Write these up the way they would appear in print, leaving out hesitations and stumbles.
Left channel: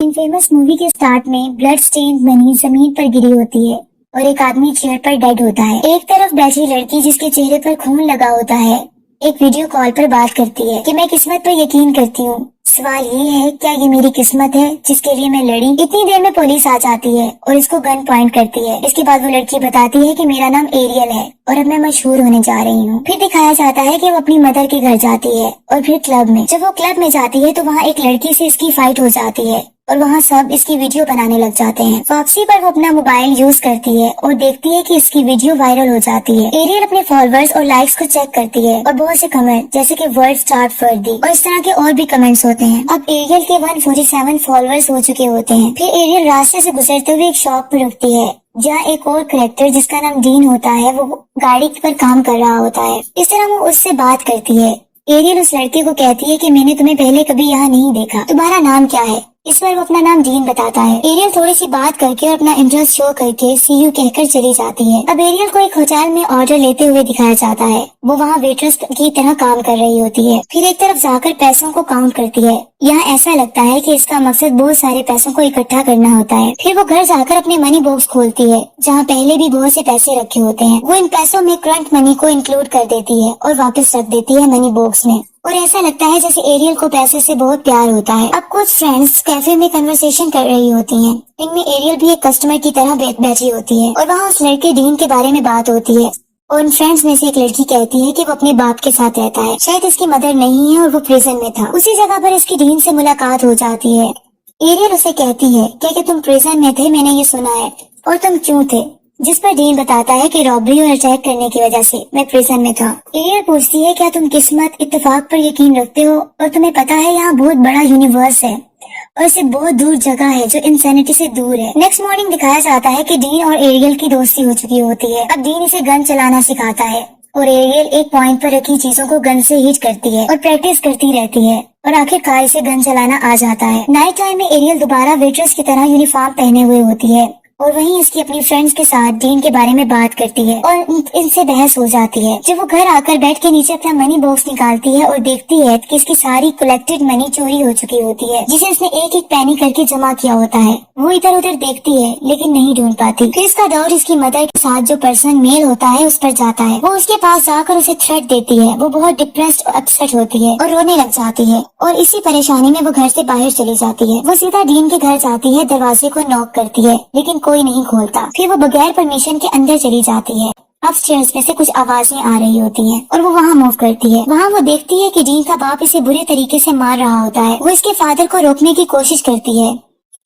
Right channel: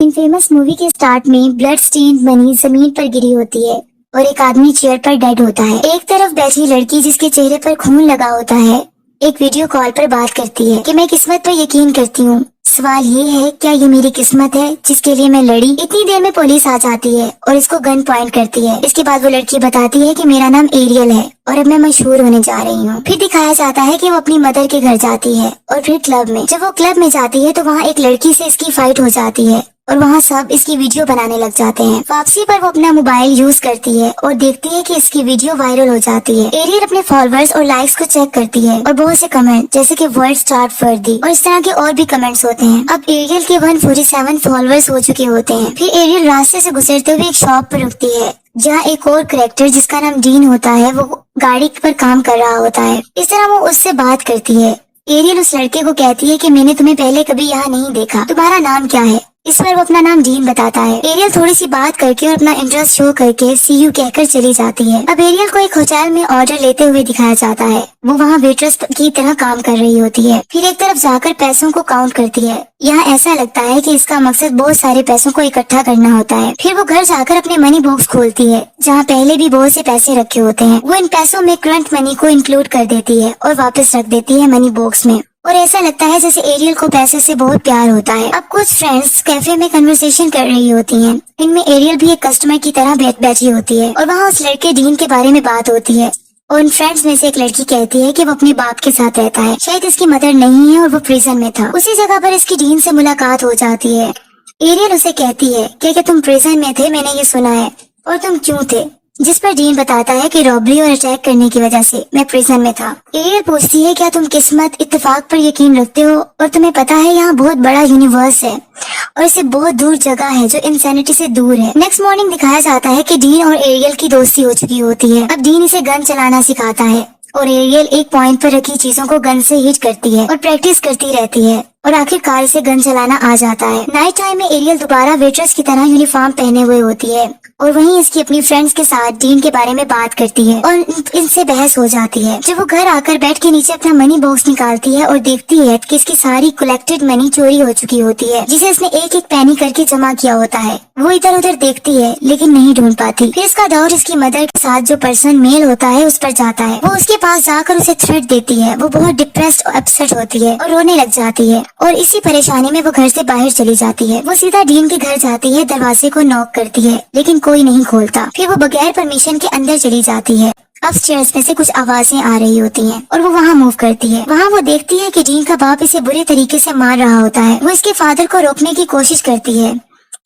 इन famous movie के start में blood stain money जमीन पर गिरी होती है और एक आदमी चेयर पर डेड होता है। एक तरफ बैठी लड़की जिसके चेहरे पर खून लगा होता है एक वीडियो कॉल पर बात करती है कि मैं किस्मत पर यकीन करती हूँ। सवाल ये है, क्या ये मेरी किस्मत है जिसके लिए मैं लड़ी? इतनी देर में पुलिस आ जाती है और इसको गन पॉइंट करती है। इसके बाद वो लड़की बताती है कि मेरा नाम एरियल है और अब मैं मशहूर होने जा रही हूँ। फिर दिखाया जाता है कि वो अपनी मदर के घर जाती है और फिर क्लब में। जब वो क्लब में जाती है तो वहाँ एक लड़की से इसकी फाइट हो जाती है और वहाँ सब इसकी वीडियो बनाने लग जाते हैं। वापसी पर वो अपना मोबाइल यूज करती है और देखती है कि इसकी वीडियो वायरल हो जाती है। एरियल अपने फॉलोअर्स और लाइक्स को चेक करती है और बहुत से कमेंट जैसे कि वर्ड स्टार्ट फर्दी और इस तरह के और भी कमेंट्स होते हैं। अब एरियल के 147 फॉलोअर्स हो चुके होते हैं। फिर एरियल रास्ते से गुजरते हुए एक शॉप पर रुकती है जहाँ एक और करेक्टर जिसका नाम डीन होता है वो गाड़ी पर काम कर रहा होता है। इस तरह वो उससे बात करती है। एरियल उस लड़की को कहती है कि मैंने तुम्हें पहले कभी यहाँ नहीं देखा, तुम्हारा नाम क्या है? इस पर वो अपना नाम डीन बताता है। एरियल थोड़ी सी बात करके और अपना इंटरेस्ट शो करके सी यू कहकर चली जाती है। अब एरियल को एक होटल में ऑर्डर लेते हुए दिखाया जाता है। वो वहाँ वेट्रेस की तरह काम कर रही होती है। फिर एक तरफ जाकर पैसों को काउंट करती है। यहाँ ऐसा लगता है कि इसका मकसद बहुत सारे पैसों को इकट्ठा करना होता है। फिर वो घर जाकर अपने मनी बॉक्स खोलती है जहाँ पहले भी बहुत से पैसे रखे होते हैं। वो इन पैसों में करंट मनी को इंक्लूड कर देती है और वापस रख देती है मनी बॉक्स में। और ऐसा लगता है जैसे एरियल को पैसे से बहुत प्यार होता है। अब कुछ फ्रेंड्स कैफे में कन्वर्सेशन कर रही होती हैं। इनमें एरियल भी एक कस्टमर की तरह बैठी होती है और वहाँ उस लड़के डीन के बारे में बात होती है। और उन फ्रेंड्स में से एक लड़की कहती है कि वो अपने बाप के साथ रहता है, शायद इसकी मदर नहीं है और वो प्रिजन में था। उसी जगह पर इसकी डीन से मुलाकात हो जाती है। एरियल उसे कहती है क्या तुम प्रिजन में थे, मैंने ये सुना है, और तुम क्यों थे? जिस पर डीन बताता है कि रॉबरी और अटैक करने की वजह से मैं प्रिजन में था। एरियल पूछती है क्या तुम किस्मत इत्तेफाक पर यकीन रखते हो और तुम्हें पता है यहाँ बहुत बड़ा यूनिवर्स है और इसे बहुत दूर जगह है जो इंसैनिटी से दूर है। नेक्स्ट मॉर्निंग दिखाया जाता है कि डीन और एरियल की दोस्ती हो चुकी होती है। अब डीन इसे गन चलाना सिखाता है और एरियल एक पॉइंट पर रखी चीजों को गन से हिट करती है और प्रैक्टिस करती रहती है और आखिरकार इसे गन चलाना आ जाता है। नाइट टाइम में एरियल दोबारा वेट्रेस की तरह यूनिफॉर्म पहने हुए होती है और वहीं इसकी अपनी फ्रेंड्स के साथ डीन के बारे में बात करती है और इनसे बहस हो जाती है। जब वो घर आकर बेड के नीचे अपना मनी बॉक्स निकालती है और देखती है कि इसकी सारी कलेक्टेड मनी चोरी हो चुकी होती है जिसे इसने एक एक पैनी करके जमा किया होता है। वो इधर उधर देखती है लेकिन नहीं ढूंढ पाती। फिर इसका दौर इसकी मदर के साथ जो पर्सन मेल होता है उस पर जाता है। वो उसके पास जाकर उसे थ्रेट देती है। वो बहुत डिप्रेस्ड और अपसेट होती है और रोने लग जाती है और इसी परेशानी में वो घर से बाहर चली जाती है। वो सीधा डीन के घर जाती है, दरवाजे को नॉक करती है लेकिन कोई नहीं खोलता। फिर वो बगैर परमिशन के अंदर चली जाती है। अपस्टेयर्स में से कुछ आवाजें आ रही होती हैं और वो वहाँ मूव करती है। वहाँ वो देखती है कि डीन का बाप इसे बुरे तरीके से मार रहा होता है। वो इसके फादर को रोकने की कोशिश करती है।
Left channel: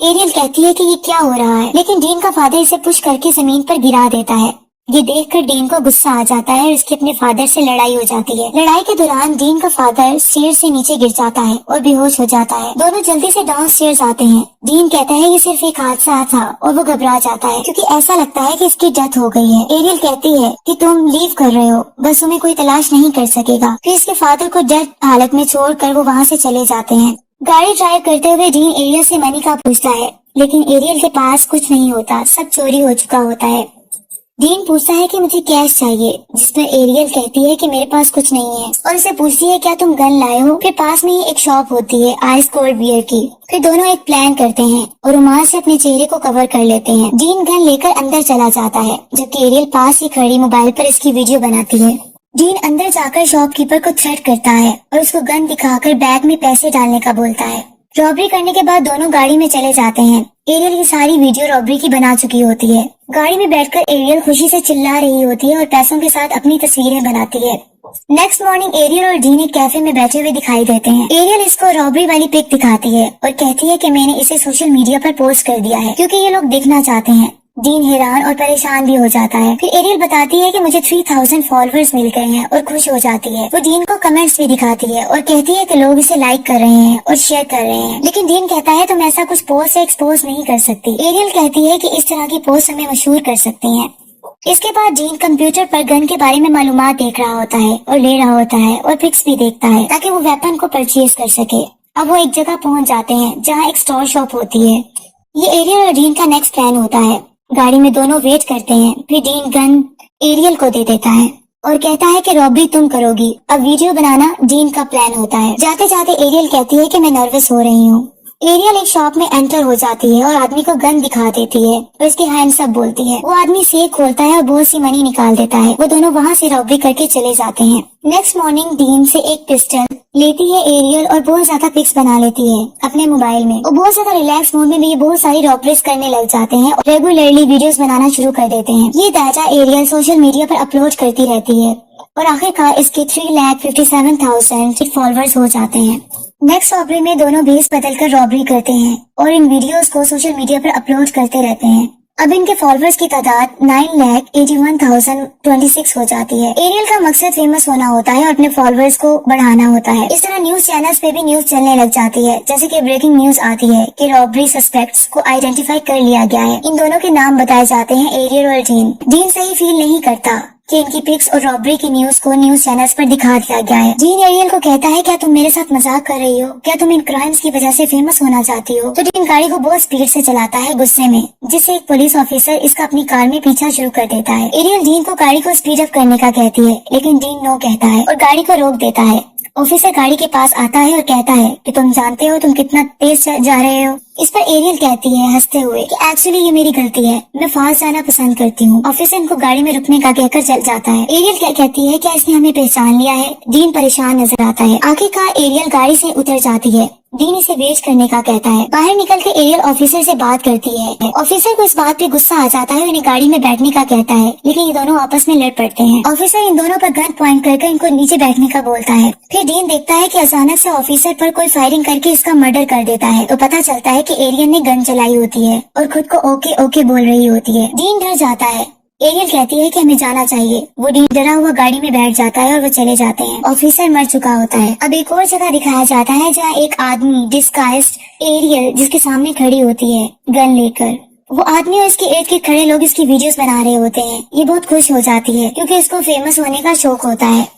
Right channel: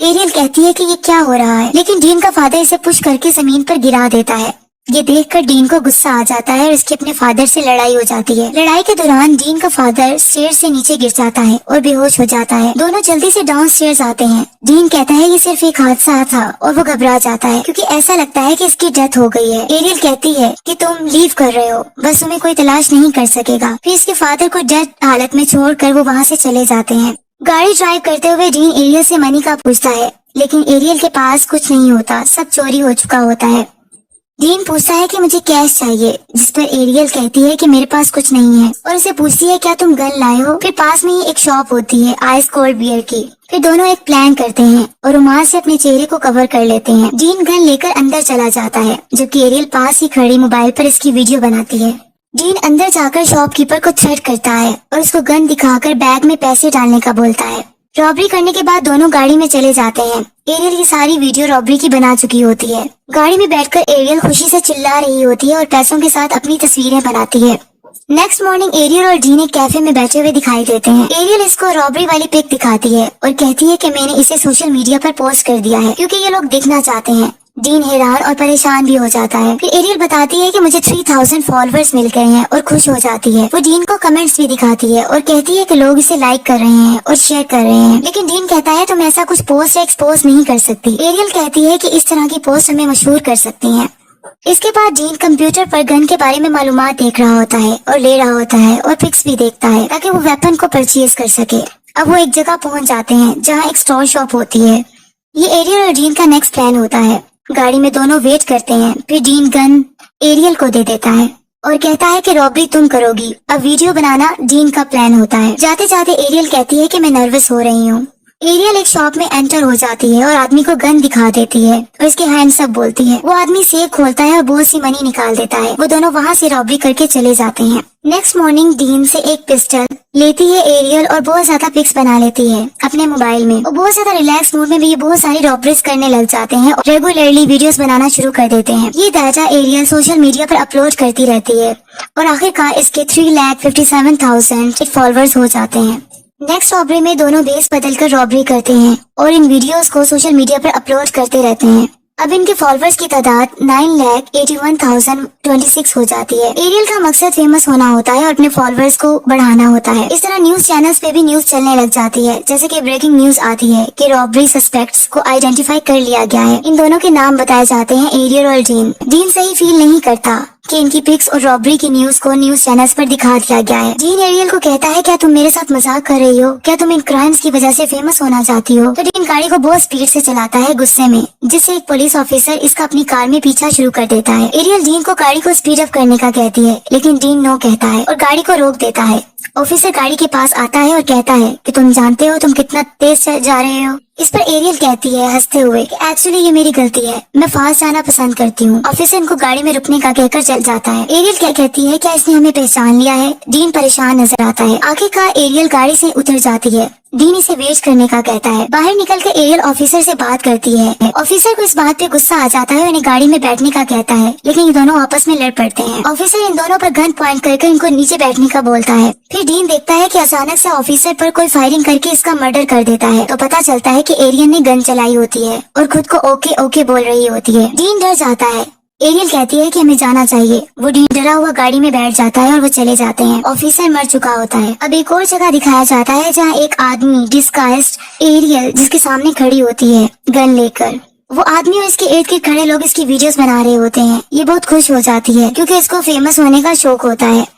एरियल कहती है कि ये क्या हो रहा है, लेकिन डीन का फादर इसे पुश करके जमीन पर गिरा देता है। ये देखकर डीन को गुस्सा आ जाता है और इसकी अपने फादर से लड़ाई हो जाती है। लड़ाई के दौरान डीन का फादर स्टेयर से नीचे गिर जाता है और बेहोश हो जाता है। दोनों जल्दी से डाउन स्टेयर्स आते हैं। डीन कहता है ये सिर्फ एक हादसा था और वो घबरा जाता है क्योंकि ऐसा लगता है कि इसकी डेथ हो गई है। एरियल कहती है कि तुम लीव कर रहे हो, बस तुम्हें कोई तलाश नहीं कर सकेगा। फिर इसके फादर को डेड हालत में छोड़कर वो वहाँ से चले जाते हैं। गाड़ी ड्राइव करते हुए डीन एरियल से मनी का पूछता है लेकिन एरियल के पास कुछ नहीं होता, सब चोरी हो चुका होता है। डीन पूछता है कि मुझे कैश चाहिए, जिस पर एरियल कहती है कि मेरे पास कुछ नहीं है और उसे पूछती है क्या तुम गन लाए हो। फिर पास में ही एक शॉप होती है आइस कोल्ड बियर की। फिर दोनों एक प्लान करते हैं और रुमाल से अपने चेहरे को कवर कर लेते हैं। डीन गन लेकर अंदर चला जाता है जबकि एरियल पास ही खड़ी मोबाइल पर इसकी वीडियो बनाती है। डीन अंदर जाकर शॉपकीपर को थ्रेट करता है और उसको गन दिखाकर बैग में पैसे डालने का बोलता है। रॉबरी करने के बाद दोनों गाड़ी में चले जाते हैं। एरियल की सारी वीडियो रॉबरी की बना चुकी होती है। गाड़ी में बैठकर एरियल खुशी से चिल्ला रही होती है और पैसों के साथ अपनी तस्वीरें बनाती है। नेक्स्ट मॉर्निंग एरियल और डीन एक कैफे में बैठे हुए दिखाई देते हैं। एरियल इसको रॉबरी वाली पिक दिखाती है और कहती है कि मैंने इसे सोशल मीडिया पर पोस्ट कर दिया है क्योंकि ये लोग देखना चाहते हैं। डीन हैरान और परेशान भी हो जाता है। फिर एरियल बताती है कि मुझे 3000 फॉलोअर्स मिल गए हैं और खुश हो जाती है। वो डीन को कमेंट्स भी दिखाती है और कहती है कि लोग इसे लाइक कर रहे हैं और शेयर कर रहे हैं। लेकिन डीन कहता है तुम ऐसा कुछ पोस्ट या एक्सपोज नहीं कर सकती। एरियल कहती है कि इस तरह की पोस्ट हमें मशहूर कर सकती हैं। इसके बाद डीन कंप्यूटर पर गन के बारे में मालूमात देख रहा होता है और ले रहा होता है और पिक्स भी देखता है ताकि वो वेपन को परचेज कर सके। अब वो एक जगह पहुंच जाते हैं जहाँ एक स्टोर शॉप होती है। ये एरियल और डीन का नेक्स्ट प्लान होता है। गाड़ी में दोनों वेट करते हैं। फिर डीन गन एरियल को दे देता है और कहता है कि रॉबरी तुम करोगी। अब वीडियो बनाना डीन का प्लान होता है। जाते जाते एरियल कहती है कि मैं नर्वस हो रही हूँ। एरियल एक शॉप में एंटर हो जाती है और आदमी को गन दिखा देती है और उसके हैंड्स अप बोलती है। वो आदमी सेफ खोलता है और बहुत सी मनी निकाल देता है। वो दोनों वहाँ से रॉबरी करके चले जाते हैं। नेक्स्ट मॉर्निंग डीन से एक पिस्टल लेती है एरियल और बहुत ज्यादा पिक्स बना लेती है अपने मोबाइल में। वो बहुत ज्यादा रिलैक्स मूड में भी बहुत सारी रॉबरीज करने लग जाते हैं और रेगुलरली वीडियोस बनाना शुरू कर देते हैं। ये डाटा एरियल सोशल मीडिया पर अपलोड करती रहती है और आखिरकार इसके 3,57,000 फॉलोअर्स हो जाते हैं। नेक्स्ट रॉबरी में दोनों भेस बदलकर रॉबरी करते हैं और इन वीडियोस को सोशल मीडिया पर अपलोड करते रहते हैं। अब इनके फॉलोअर्स की तादाद 9,81,026 हो जाती है। एरियल का मकसद फेमस होना होता है और अपने फॉलोअर्स को बढ़ाना होता है। इस तरह न्यूज चैनल्स पे भी न्यूज चलने लग जाती है, जैसे कि ब्रेकिंग न्यूज आती है कि रॉबरी सस्पेक्ट्स को आइडेंटिफाई कर लिया गया है। इन दोनों के नाम बताए जाते हैं, एरियल और डीन। डीन सही फील नहीं करता कि इनकी पिक्स और रॉबरी की न्यूज को न्यूज चैनल्स पर दिखा दिया गया है। डीन एरियल को कहता है, क्या तुम मेरे साथ मजाक कर रही हो? क्या तुम इन क्राइम्स की वजह से फेमस होना चाहती हो? तो डीन गाड़ी को बहुत स्पीड से चलाता है गुस्से में, जिससे एक पुलिस ऑफिसर इसका अपनी कार में पीछा शुरू कर देता है। एरियल डीन को गाड़ी को स्पीड अप करने का कहती है, लेकिन डीन नो कहता है और गाड़ी को रोक देता है। ऑफिसर गाड़ी के पास आता है और कहता है कि तुम जानते हो तुम कितना तेज जा रहे हो। इस पर एरियल कहती है हंसते हुए कि एक्चुअली ये मेरी गलती है, मैं फास्ट जाना पसंद करती हूँ। ऑफिसर इनको गाड़ी में रुकने का कहकर चल जाता है। एरियल क्या कहती है, क्या इसने हमें पहचान लिया है? डीन परेशान नजर आता है। आखिरकार एरियल गाड़ी से उतर जाती है। डीन इसे वेट करने का कहता है। बाहर निकल के एरियल ऑफिसर से बात करती है। ऑफिसर को इस बात पे गुस्सा आ जाता है और इन्हें गाड़ी में बैठने का कहता है, लेकिन ये दोनों आपस में लड़ पड़ते हैं। ऑफिसर इन दोनों पर गन पॉइंट करके इनको नीचे बैठने का बोलता है। फिर डीन देखता है कि अचानक से ऑफिसर पर कोई फायरिंग करके इसका मर्डर कर देता है। तो पता चलता है कि एरियल ने गन चलाई होती है और खुद को ओके ओके बोल रही होती है। डीन डर जाता है। एरियल कहती है कि हमें जाना चाहिए। वो डीन डरा हुआ गाड़ी में बैठ जाता है और वो चले जाते हैं। ऑफिसर मर चुका होता है। अब एक और जगह दिखाया जाता है जहाँ एक आदमी डिस्गाइज्ड एरियल जिसके सामने खड़ी होती है गन लेकर। वो आदमी और इसके इर्द गिर्द खड़े लोग इसकी वीडियोस बना रहे होते हैं। ये बहुत खुश हो जाती है क्योंकि इसको फेमस होने का शौक होता है,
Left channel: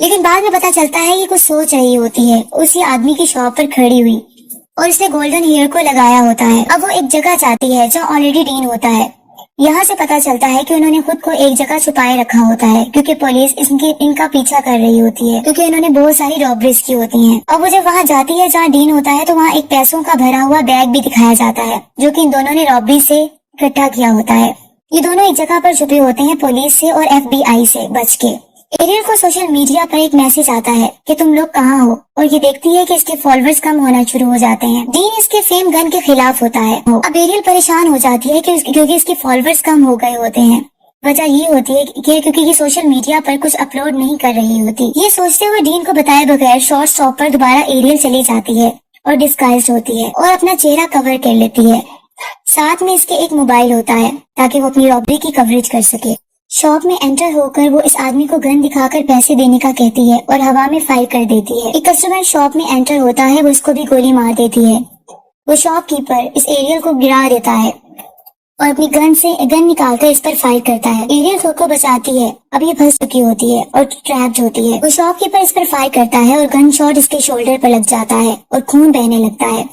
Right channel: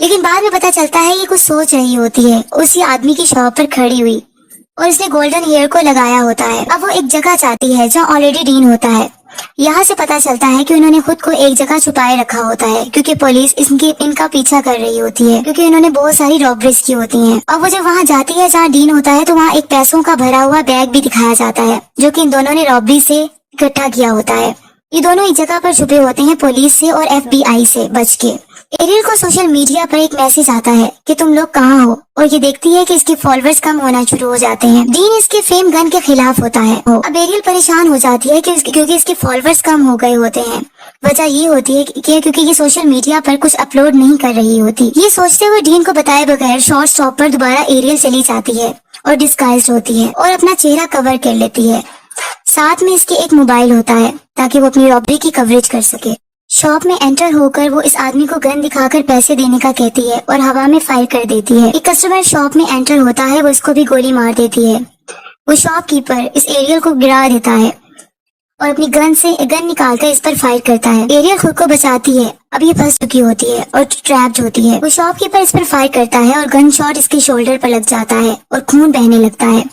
लेकिन बाद में पता चलता है ये कुछ सोच रही होती है उसी आदमी की शॉप पर खड़ी हुई और इसने गोल्डन हेयर को लगाया होता है। अब वो एक जगह जाती है जहाँ ऑलरेडी डीन होता है। यहाँ से पता चलता है कि उन्होंने खुद को एक जगह छुपाए रखा होता है क्योंकि पुलिस इनका पीछा कर रही होती है, क्योंकि इन्होंने बहुत सारी रॉबरीज की होती हैं। अब वो जब वहाँ जाती है जहाँ डीन होता है तो वहाँ एक पैसों का भरा हुआ बैग भी दिखाया जाता है जो कि इन दोनों ने रॉबरी से इकट्ठा किया होता है। ये दोनों एक जगह पर छुपे होते हैं पुलिस से और FBI से बच के। एरियल को सोशल मीडिया पर एक मैसेज आता है कि तुम लोग कहाँ हो, और ये देखती है कि इसके फॉलोअर्स कम होना शुरू हो जाते हैं। डीन इसके फेम गन के खिलाफ होता है। अब एरियल परेशान हो जाती है क्योंकि इसके फॉलोअर्स कम हो गए होते हैं। वजह ये होती है कि क्योंकि ये सोशल मीडिया पर कुछ अपलोड नहीं कर रही होती। ये सोचते हुए डीन को बताए बगैर शॉर्ट स्टॉप पर दोबारा एरियल चली जाती है और डिस्गाइज्ड होती है और अपना चेहरा कवर कर लेती है। साथ में इसके एक मोबाइल होता है ताकि वो अपनी रॉबरी की कवरेज कर सके। शॉप में एंटर होकर वो इस आदमी को गन दिखाकर पैसे देने का कहती है और हवा में फायर कर देती है। एक कस्टमर शॉप में एंटर होता है, वो इसको भी गोली मार देती है। वो शॉपकीपर इस एरियल को गिरा देता है और अपनी गन निकालकर इस पर फायर करता है। एरियल खुद को बचाती है। अब ये फंस चुकी होती है और ट्रैप्ड होती है। वो शॉपकीपर इस पर फायर करता है और गन शॉट इसके शोल्डर पर लग जाता है और खून बहने लगता है।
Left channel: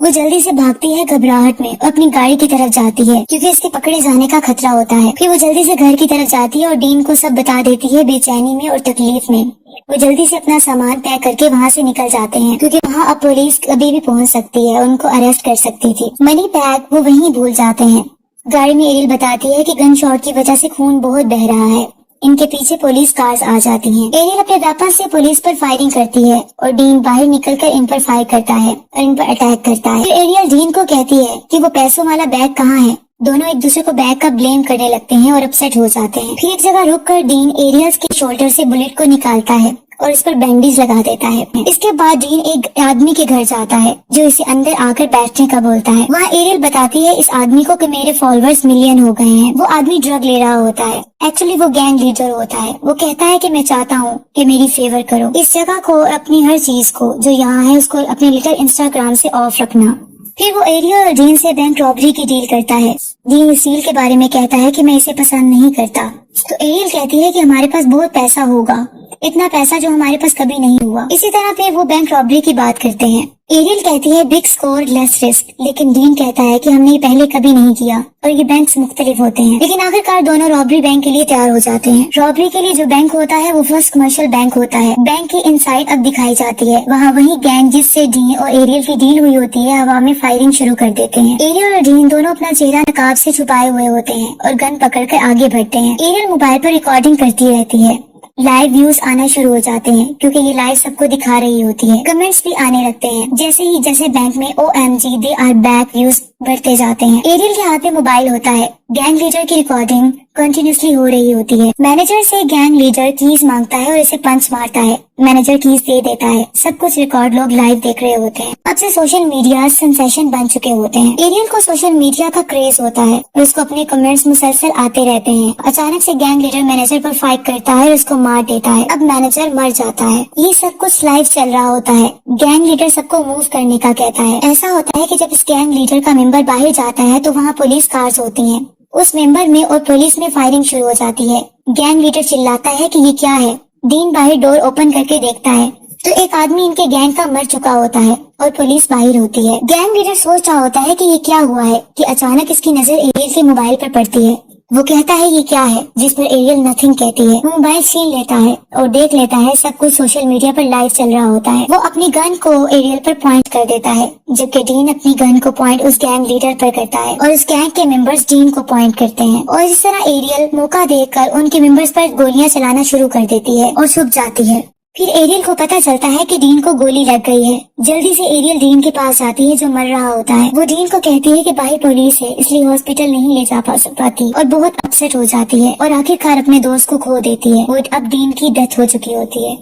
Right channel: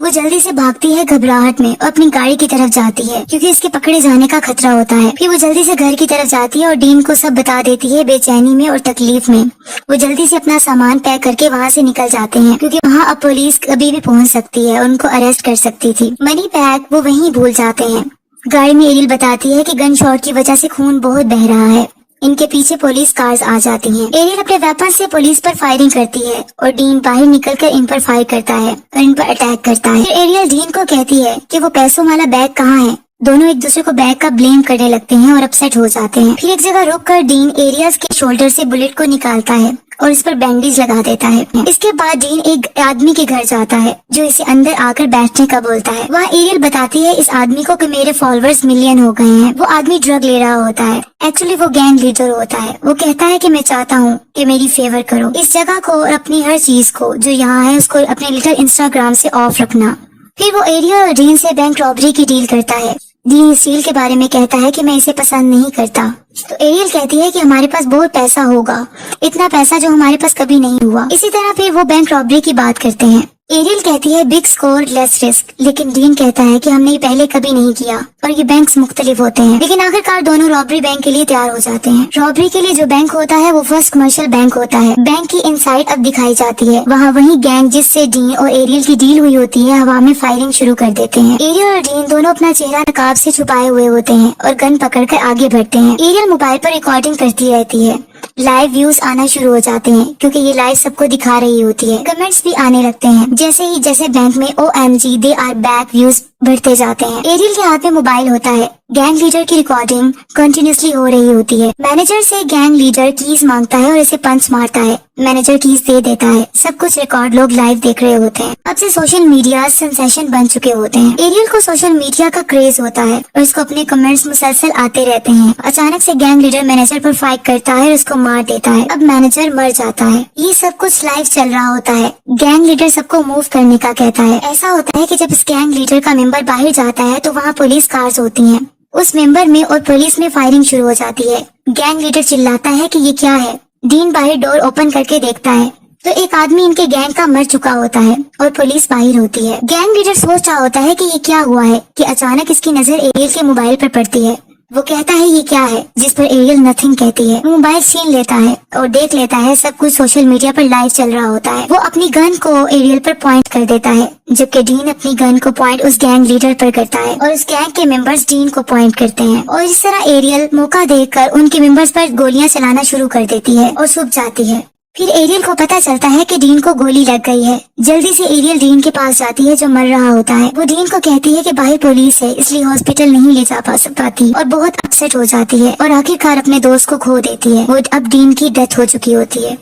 वो जल्दी से भागती है घबराहट में और अपनी गाड़ी की तरफ जाती है क्योंकि इसके पकड़े जाने का खतरा होता है। फिर वो जल्दी से घर की तरफ जाती है और डीन को सब बता देती है बेचैनी में और तकलीफ में। वो जल्दी से अपना सामान पैक करके वहाँ से निकल जाते हैं क्योंकि वहाँ अब पुलिस कभी भी पहुँच सकती है और उनको अरेस्ट कर सकती थी। मनी बैग वो वहीं भूल जाते हैं। गाड़ी में एरियल बताती है कि गन शॉट की वजह से खून बहुत बह रहा है। इनके पीछे पुलिस कार्स आ जाती हैं। एरियल अपने वेपन से पुलिस पर फायरिंग करती है और डीन बाहर निकलकर इन पर फायर करता है और इन पर अटैक करता है। फिर एरियल डीन को कहती है कि वो पैसों वाला बैग कहाँ है। दोनों एक दूसरे को बैग का ब्लेम करने लगते हैं और अपसेट हो जाते हैं। फिर एक जगह रुककर डीन एरियल के शोल्डर से बुलेट को निकालता है और इस पर बैंडेज लगा देता है। इसके बाद डीन एक आदमी के घर जाता है जो इसे अंदर आकर बैठने का बोलता है। वहाँ एरियल बताती है इस आदमी को कि मेरे फॉलोअर्स मिलियन हो गए हैं। वो आदमी ड्रग ले रहा होता है। एक्चुअली वो गैंग लीडर होता है। वो कहता है कि मैं चाहता हूँ कि मेरी फेवर करो, इस जगह को और अपनी हर चीज को जो यहाँ है उसको अपने लिटिल इंस्टाग्राम से ऑफ रखना। फिर वो एरियल और डीन से बैंक रॉबरी की डील करता है। डीन इस डील के बारे में कहता है कि मैं इसे पसंद नहीं करता। तो एरियल कहती है कि हमारे पास बहुत पैसा होगा, इतना पैसा जो हमारे पास कभी नहीं हुआ। इसी तरह फिर वो बैंक रॉबरी की बात करते हैं। एरियल कहती है बिग स्कोर लेस रिस्क, लेकिन डीन कहता है कि हमने ये पहले कभी नहीं किया और ये बैंक्स मुख्तलिफ होते हैं। लेकिन आखिरकार दोनों रॉबरी बैंक के लिए तैयार हो जाते हैं। रॉबरी के लिए जो बैंक होता है वो फर्स्ट कमर्शियल बैंक होता है। बैंक की इनसाइड अब दिखाई जाती है। वहाँ वही गैंग जिससे डीन और एरियल की डील हुई होती है हवा में फायरिंग शुरू कर देते हैं। एरियल और डीन दोनों अपना चेहरा नकाब से छुपाए हुए होते हैं और गन पकड़कर आगे बढ़ते हैं। एरियल मोबाइल पर रिकॉर्डिंग करती रहती है। लाइव व्यूज आना शुरू हो जाते हैं क्योंकि ये लाइव सबको दिखा रही होती है। कमेंट्स भी आने लगते हैं जैसे बैंक में OMG they are back views बढ़ते जाते हैं। एरियल के हाथ में मोबाइल होता है। गैंग लीडर की रिकॉर्डिंग कंटिन्यूसली हो रही होती है। मैनेजर से गैंग लीडर कीज मांगता है और इसे पंच मारता है। मैनेजर कीज दे देता है। सब कुछ रिकॉर्ड लोग लाइव देख रहे होते हैं। अब से सोशल मीडिया सेंसेशन बन चुके होते हैं। एरियल को सोशल मीडिया का क्रेज होता है और उसको अपने कमेंट्स मुसलसल आते रहते हैं। अचानक से गैंग लीडर मैनेजर पर फाइट करता है और उसको मार देता है। अब मैनेजर मर जाता है। ये सब कुछ लाइव चल रहा होता है। गैंग लीडर सबको मूव करने का कहता है। ऐसा होता है कि जब इस गैंग लीडर का मेंबर बाहर जाता है तो वहाँ पुलिस कार्स होती हैं। उस मेंबर में और पुलिस में फायरिंग शुरू हो जाती है। गैंग लीडर चिल्लाता है कि ये क्या है। डीन बाहर डोर ओपन करके देखता है तो एक आदमी इनके गैंग का मर चुका होता है और पुलिस बाहर होती है। गैंग लीडर सोच रहा होता है कि ये क्या हुआ है कि अचानक इसकी नजर एरियल के मोबाइल पर पड़ती है। वो कहता है ये क्या है, जिस पर एरियल नथिंग कहती है। वो मोबाइल छीन लेता है और देख लेता है सब कुछ सोशल मीडिया पर लाइव चल रहा होता है। वो अपनी गन को एरियल पर पॉइंट कर देता है जबकि डीन अपनी गन को पॉइंट उस गैंग लीडर पर करता है और उस गैंग के मेंबर्स डीन को पॉइंट करते हैं। और इस तरह एरियल मौका देखकर उनके मेंबर्स पर गोलियां चलाना शुरू कर देती है और छुप जाती है। फिर एरियल को पता चलता है कि डीन को गोली लग गई है। जल्दी से एरियल डीन के पास जाती है जो मर रहा होता है। वो डीन को कहती है कि भाई पुलिस है इसलिए हॉस्पिटल नहीं ले जा पाती और बहुत अपसेट हो जाती है और आखिरकार अपने दोस्त को खो देती है। वो अब डीन की डेथ हो चुकी होती है।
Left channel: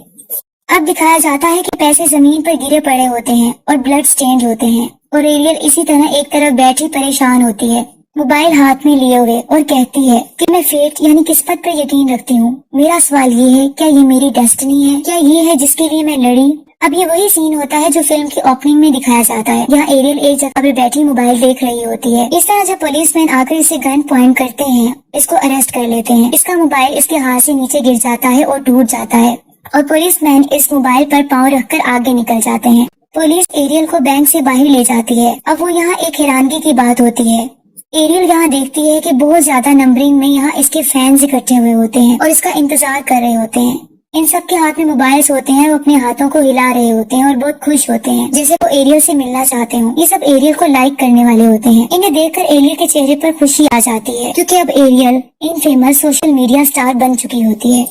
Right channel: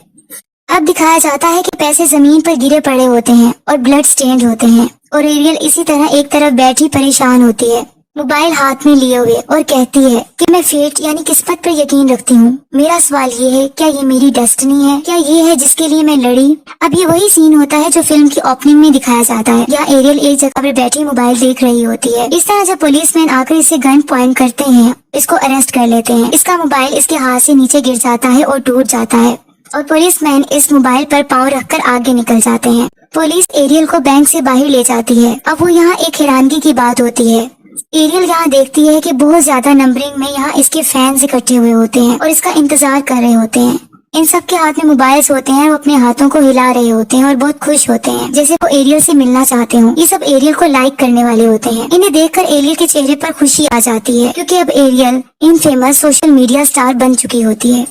अब दिखाया जाता है कि पैसे जमीन पर गिरे पड़े होते हैं और ब्लड स्टेन्ड होते हैं और एरियल इसी तरह एक तरफ बैठी परेशान होती है मोबाइल हाथ में लिए हुए और कहती है कि मैं फेट यानी किस्मत पर यकीन रखती हूँ। मेरा सवाल ये है, क्या ये मेरी डेस्टिनी है? क्या ये है जिसके लिए मैं लड़ी? अब ये वही सीन होता है जो फिल्म की ओपनिंग में दिखाया जाता है। यहाँ एरियल एक जगह पर बैठी मोबाइल देख रही होती है। इस तरह जब पुलिसमैन आकर इसे गन पॉइंट करते हैं, इसको अरेस्ट कर लेते हैं। इसका मोबाइल इसके हाथ से नीचे गिर जाता है और टूट जाता है और पुलिसमैन इस मोबाइल पर पाँव रखकर आगे निकल जाते हैं। पुलिस एरियल को बैंक से बाहर ले जाती है। अब वो यहाँ एक हैरानगी की बात होती है। एरियल यहाँ देखती है कि बहुत ज्यादा नंबरिंग में यहाँ इसके फैंस इकट्ठे हुए होते हैं और इसका इंतजार कर रहे होते हैं। इन सब के हाथ में मोबाइल्स होते हैं। वो अपने हाथों को हिला रहे होते हैं और बहुत खुश होते हैं जैसे वो एरियल से मिलना चाहते हो। ये सब एरियल को लाइक करने वाले होते हैं। इन्हें देखकर एरियल के चेहरे पर खुशी आ जाती है क्योंकि अब एरियल इन फेमस सोशल मीडिया स्टार बन चुकी होती है।